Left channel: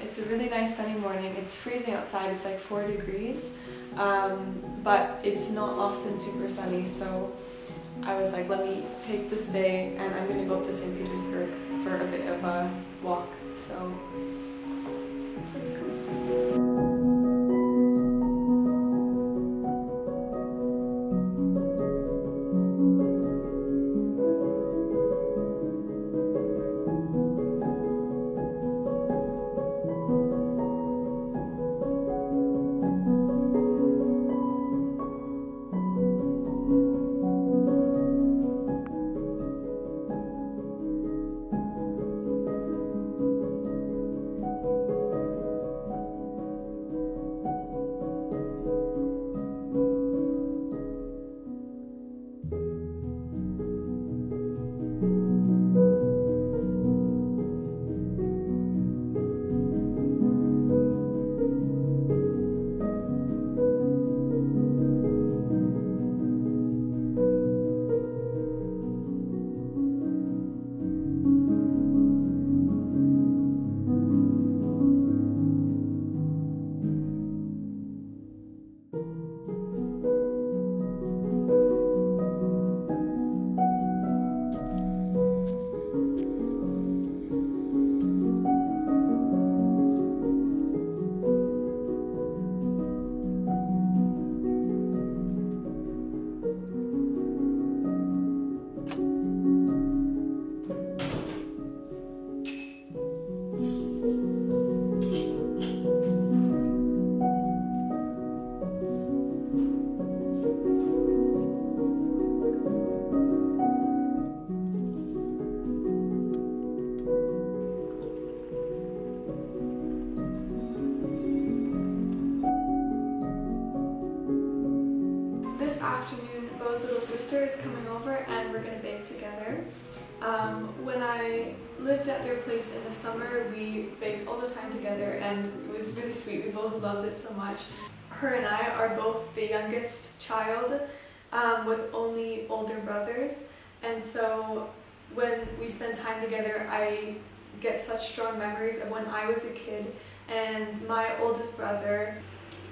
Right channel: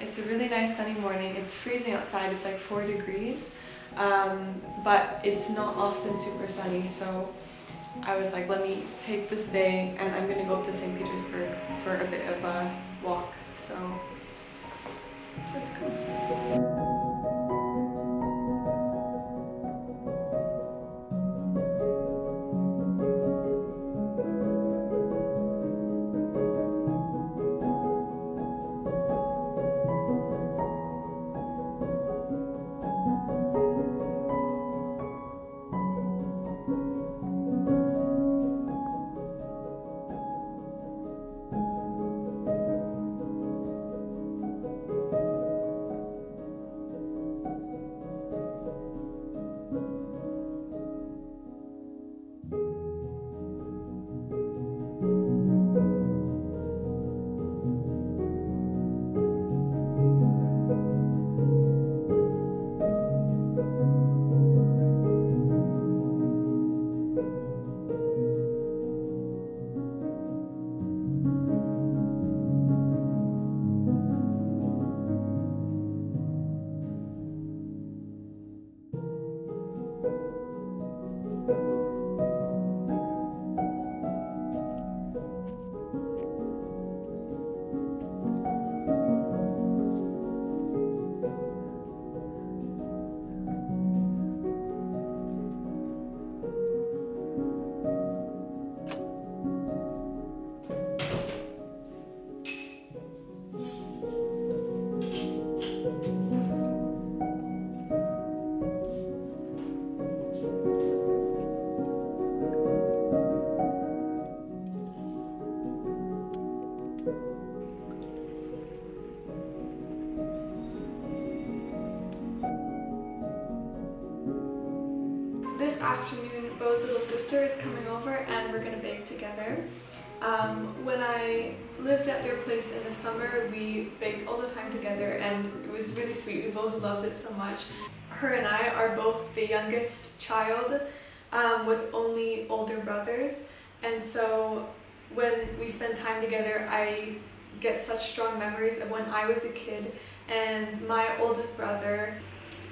It's a really nice sunny morning. It's freezing outside, it's like 4 degrees, but it's not often super sunny, so I was like, let me take this day and I'm gonna go up to St. Petersburg for a bit of a walk, so let's go. This afternoon, Beau's little sister is coming over and we're gonna bake together. When I lived at their place in the summer, we baked all the time together and it was really sweet. We both loved it so much. Her and I are both the youngest child with only older brothers, and so when we spend time together, I get such strong memories of when I was a kid and my oldest brother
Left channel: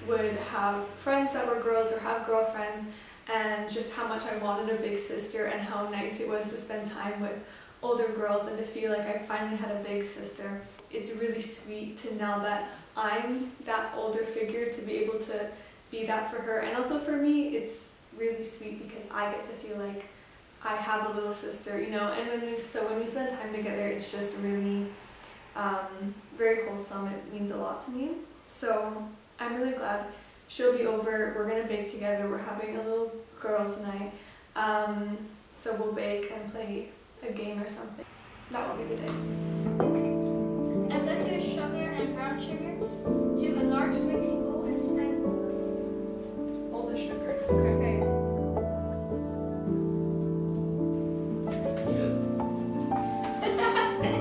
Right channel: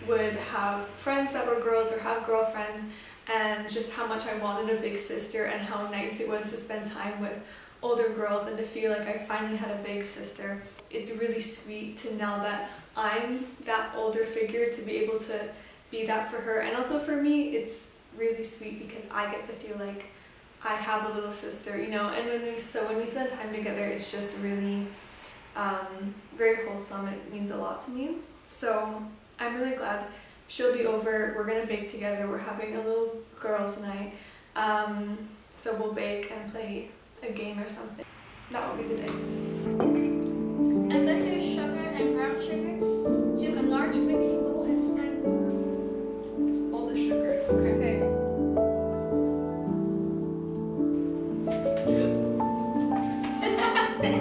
would have friends that were girls or have girlfriends, and just how much I wanted a big sister and how nice it was to spend time with older girls and to feel like I finally had a big sister. It's really sweet to now that I'm that older figure to be able to be that for her, and also for me it's really sweet because I get to feel like I have a little sister, you know, and when we spend time together it's just really very wholesome. It means a lot to me. So I'm really glad she'll be over. We're gonna bake together. We're having a little girls' night. So we'll bake and play a game or something. That will be the day. Add butter, sugar, and brown sugar to a large mixing bowl and stand. All the sugars. Okay.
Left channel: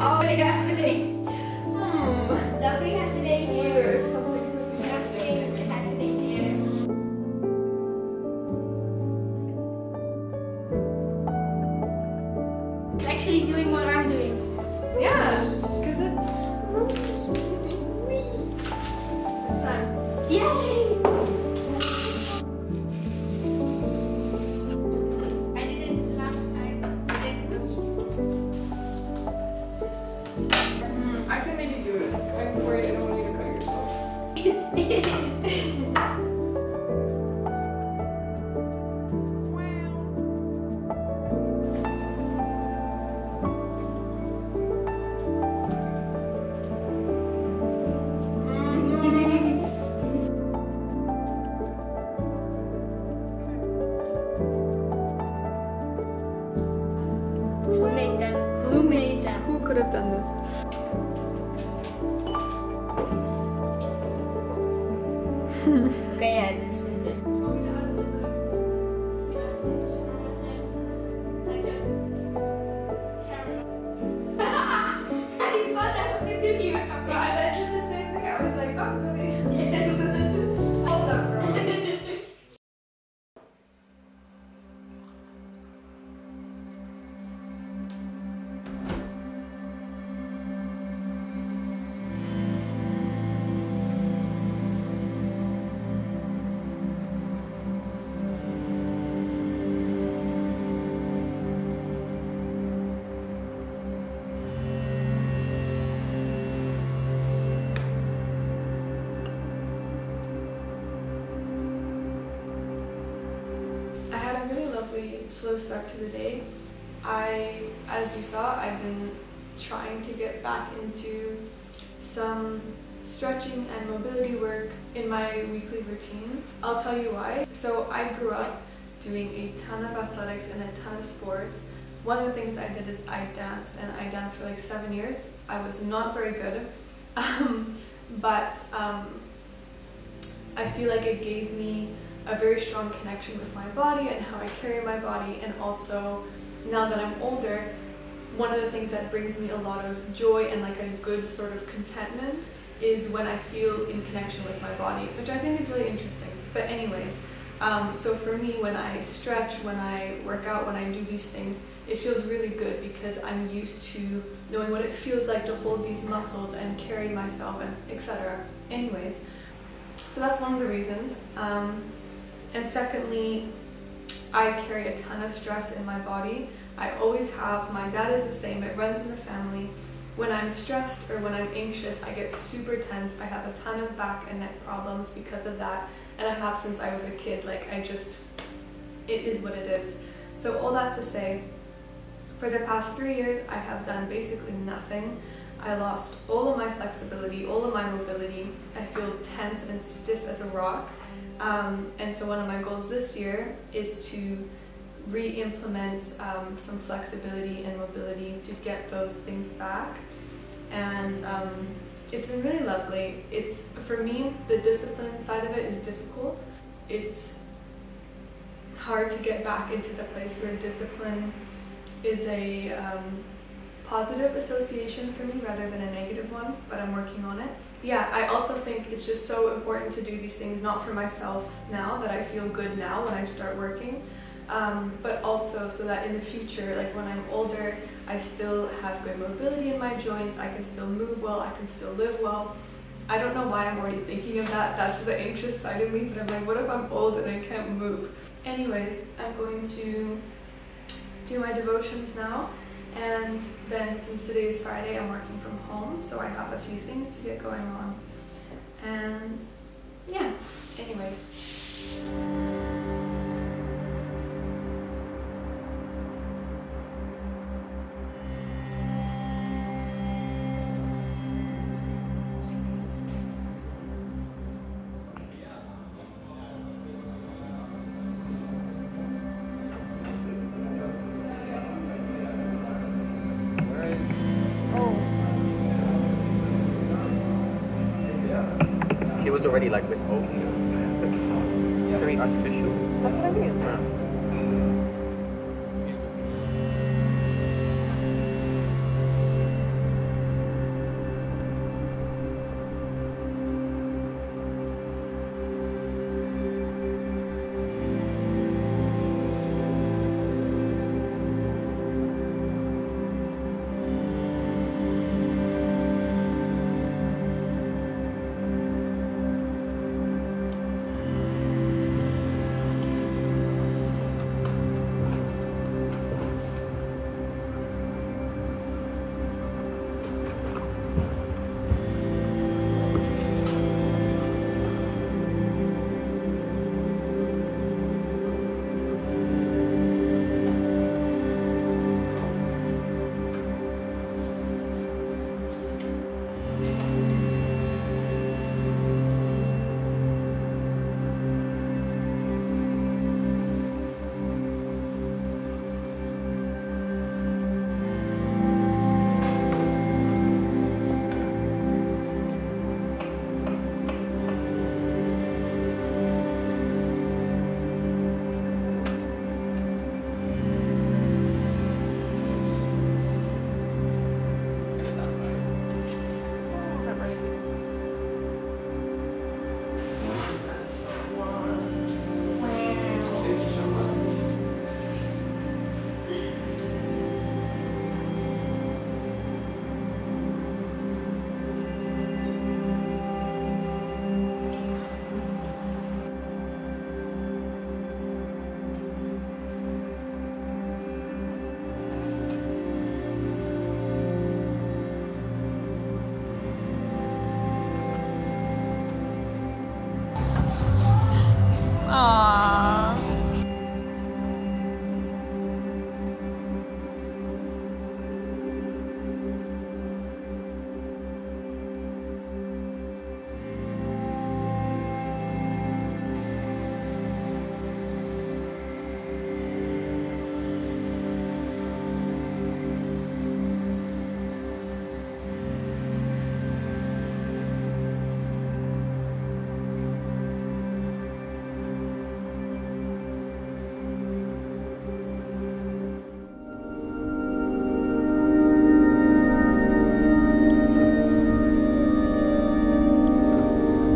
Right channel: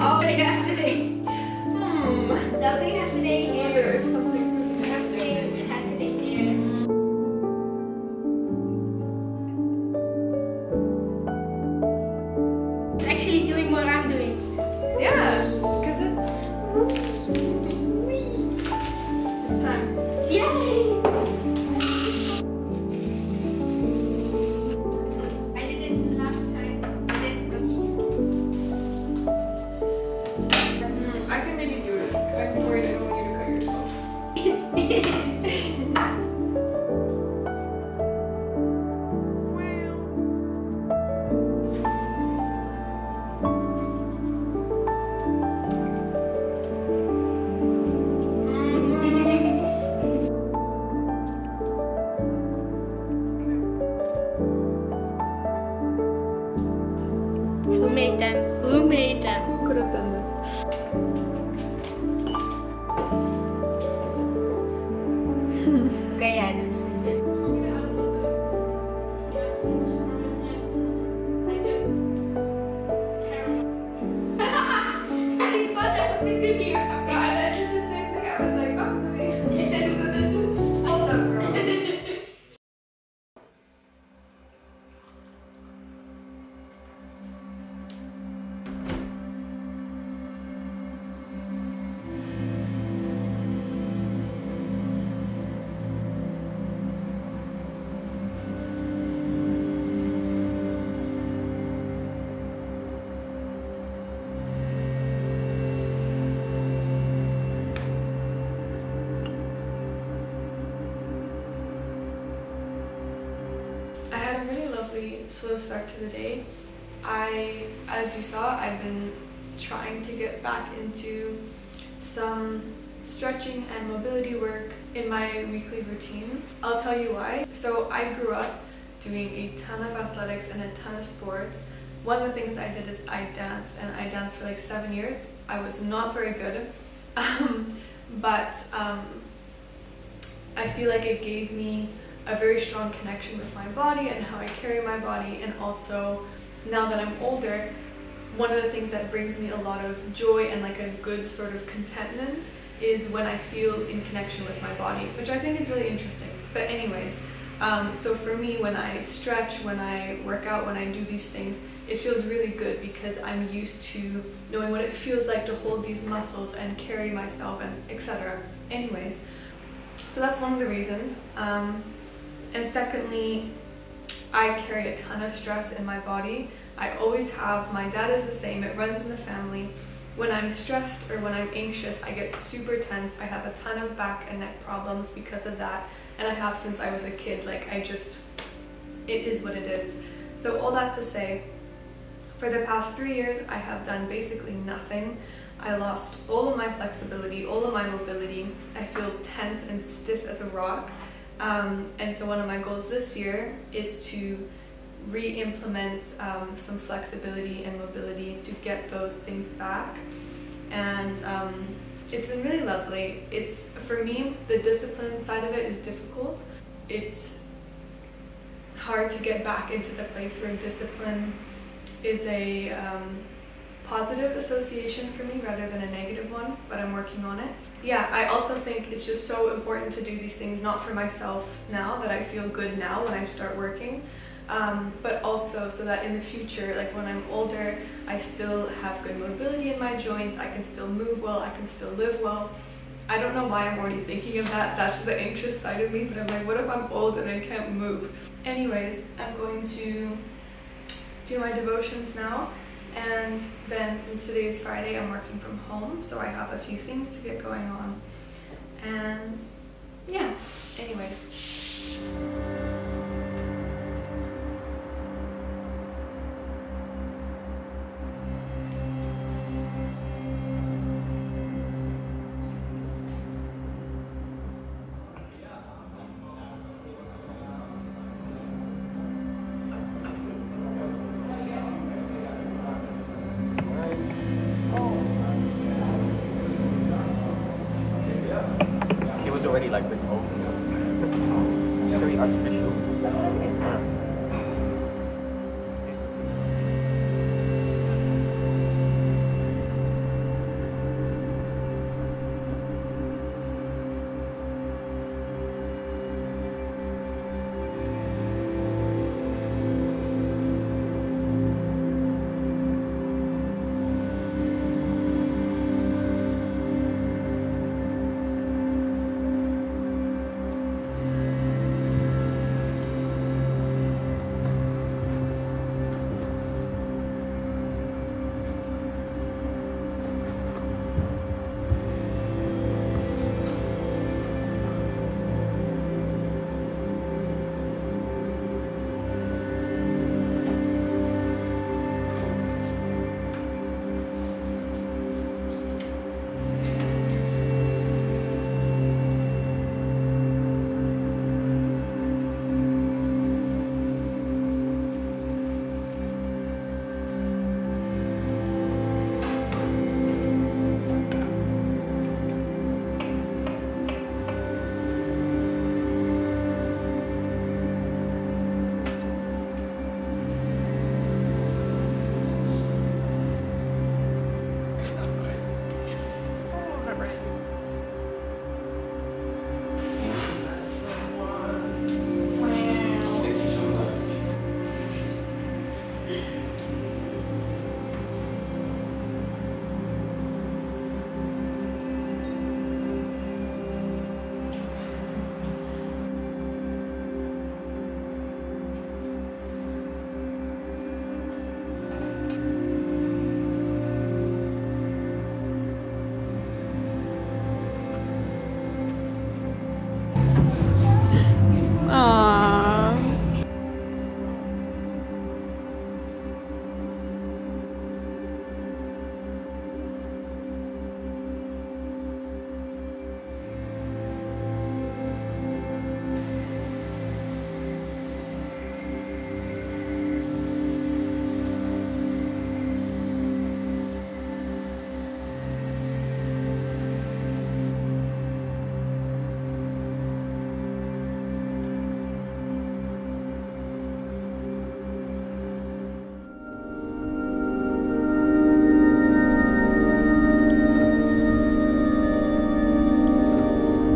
Oh, yeah, happening. Nothing happening I wonder here. if something could be happening. Nothing happening here. It's actually doing what I'm doing. Yeah, because it's time. Yay! I did it last time. I did it. I can maybe do it. I'm worried I don't want you to cut yourself. Who made them? Who made them? Who could have done this? Okay, yeah, this is good. I thought that was a good year. And I did the same thing. I was like, oh, let me. Hold up, girl. had a really lovely slow start to the day. As you saw, I've been trying to get back into some stretching and mobility work in my weekly routine. I'll tell you why. So I grew up doing a ton of athletics and a ton of sports. One of the things I did is I danced, and I danced for like 7 years. I was not very good, but I feel like it gave me a very strong connection with my body and how I carry my body, and also now that I'm older, one of the things that brings me a lot of joy and like a good sort of contentment is when I feel in connection with my body, which I think is really interesting. But anyways, so for me, when I stretch, when I work out, when I do these things, it feels really good because I'm used to knowing what it feels like to hold these muscles and carry myself and etc. Anyways, so that's one of the reasons. And secondly, I carry a ton of stress in my body. I always have. My dad is the same. It runs in the family. When I'm stressed or when I'm anxious, I get super tense. I have a ton of back and neck problems because of that, and I have since I was a kid. Like, it is what it is. So all that to say, for the past 3 years, I have done basically nothing. I lost all of my flexibility, all of my mobility. I feel tense and stiff as a rock. And so one of my goals this year is to re-implement some flexibility and mobility to get those things back. And it's been really lovely. For me, the discipline side of it is difficult. It's hard to get back into the place where discipline is a positive association for me rather than a negative one, but I'm working on it. Yeah, I also think it's just so important to do these things, not for myself now, that I feel good now when I start working, but also so that in the future, like when I'm older, I still have good mobility in my joints, I can still move well, I can still live well. I don't know why I'm already thinking of that. That's the anxious side of me, but I'm like, what if I'm old and I can't move? Anyways, I'm going to do my devotions now, and then since today is Friday, I'm working from home, so I have a few things to get going on. And yeah, anyways. It was already like with